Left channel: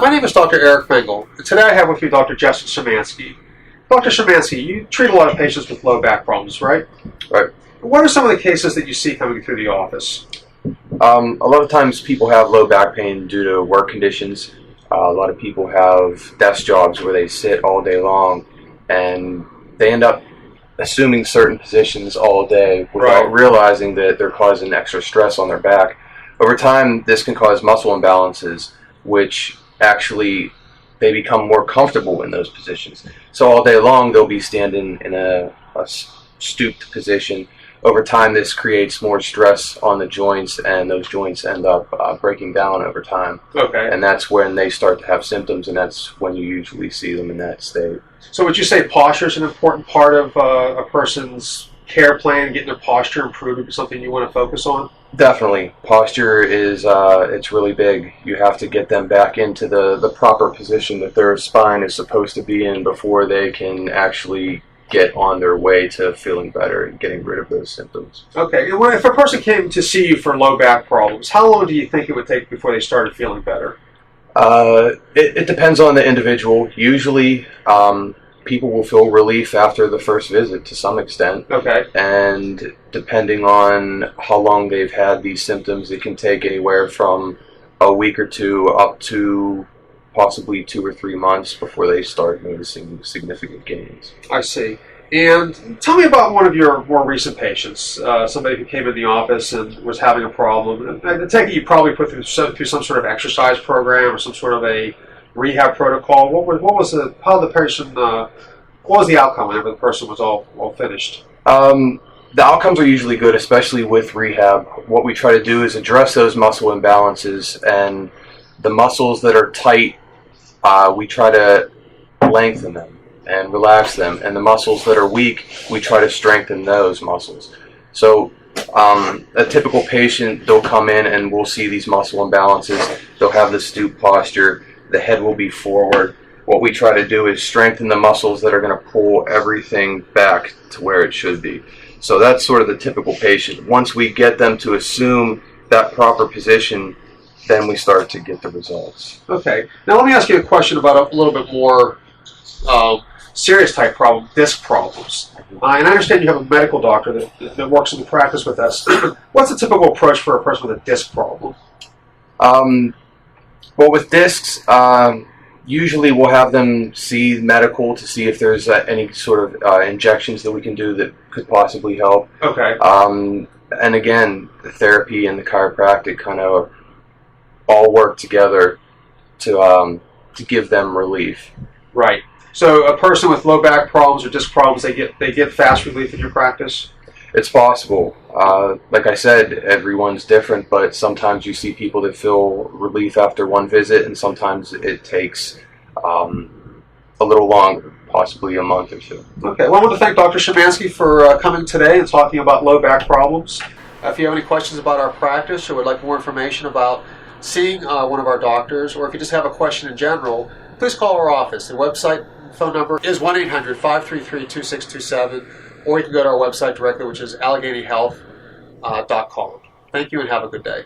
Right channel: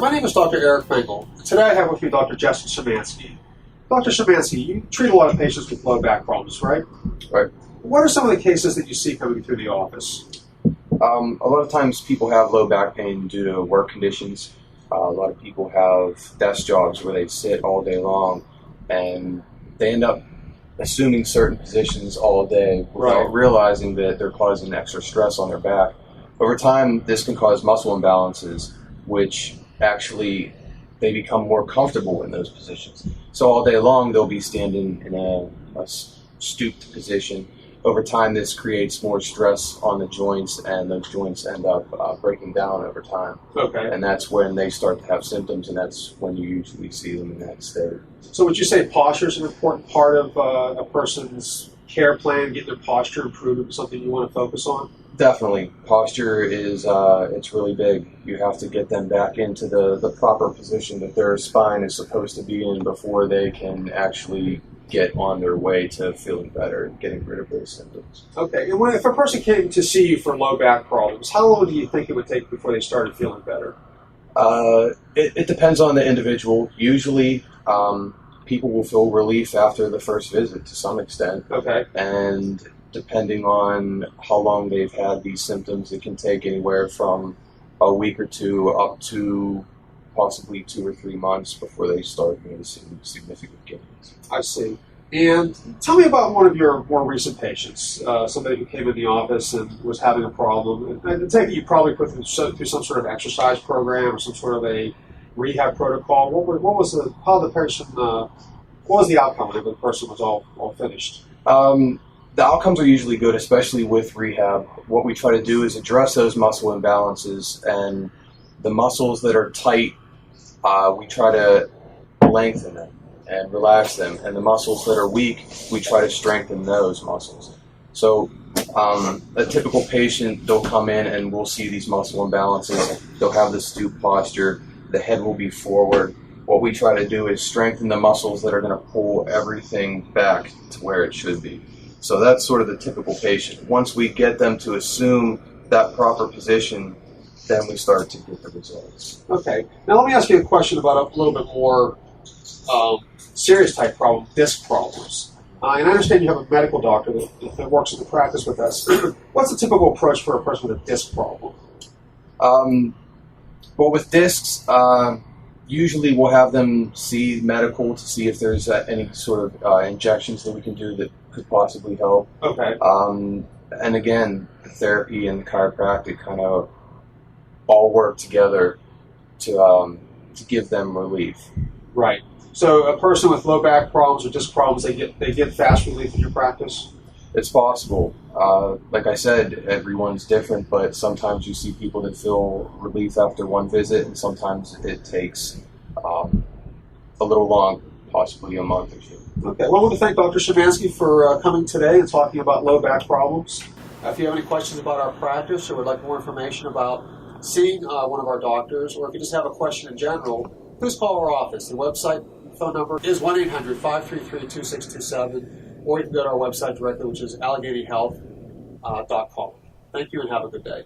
my name is Dr. Eric Mengel, and today I have with me Dr. Justin Szymanski. Dr. Szymanski, you treat a lot of patients with low back problems, right? Right. What are some of the cases that you see coming through the office? A lot of times people have low back pain due to work conditions. A lot of people have desk jobs where they sit all day long and they end up assuming certain positions all day without realizing that they're causing extra stress on their back. Over time, this can cause muscle imbalances, which actually they become more comfortable in those positions. So all day long, they'll be standing in a stooped position. Over time, this creates more stress on the joints, and those joints end up breaking down over time. Okay. And that's when they start to have symptoms, and that's when you usually see them in that state. So would you say posture is an important part of a person's care plan, getting their posture improved would be something you want to focus on? Definitely. Posture is it's really big. You have to get them back into the proper position that their spine is supposed to be in before they can actually get on their way to feeling better and getting rid of those symptoms. Okay. And if a person came to see you for low back problems, how long do you think it would take before they started feeling better? It depends on the individual. Usually, people will feel relief after the first visit to some extent. Okay. And depending on how long they've had these symptoms, it can take anywhere from a week or two up to possibly 2 or 3 months before they start noticing significant gains. I see. And tell me about one of your more recent patients, somebody who came in the office and was having a problem. I take it you probably put through some sort of exercise program or some sort of a rehab protocol. What was the outcome whenever the person was all finished? The outcomes are usually good, especially with rehab. What we try to do is address those muscle imbalances, and the muscles that are tight, we try to lengthen them and relax them, and the muscles that are weak, we try to strengthen those muscles. So a typical patient, they'll come in and we'll see these muscle imbalances. They'll have the stoop posture, the head will be forward. What we try to do is strengthen the muscles that are going to pull everything back to where it should be. So that's sort of the typical patient. Once we get them to assume that proper position, then we start to get the results. Okay. Now let me ask you a question about a little bit more serious type problem, disc problems. And I understand you have a medical doctor that works in practice with us. What's the typical approach for a person with a disc problem? Well, with discs, usually we'll have them see medical to see if there's any sort of injections that we can do that could possibly help. Okay. And again, the therapy and the chiropractic kind of all work together to give them relief. Right. So a person with low back problems or disc problems, they get fast relief in your practice? It's possible. Like I said, everyone's different, but sometimes you see people that feel relief after one visit, and sometimes it takes a little longer, possibly a month or two. Okay. Well, I want to thank Dr. Szymanski for coming today and talking about low back problems. If you have any questions about our practice or would like more information about seeing one of our doctors, or if you just have a question in general, please call our office. The website phone number is 1-800-533-2627, or you can go to our website directly, which is AlleghenyHealth.com. Thank you and have a good day.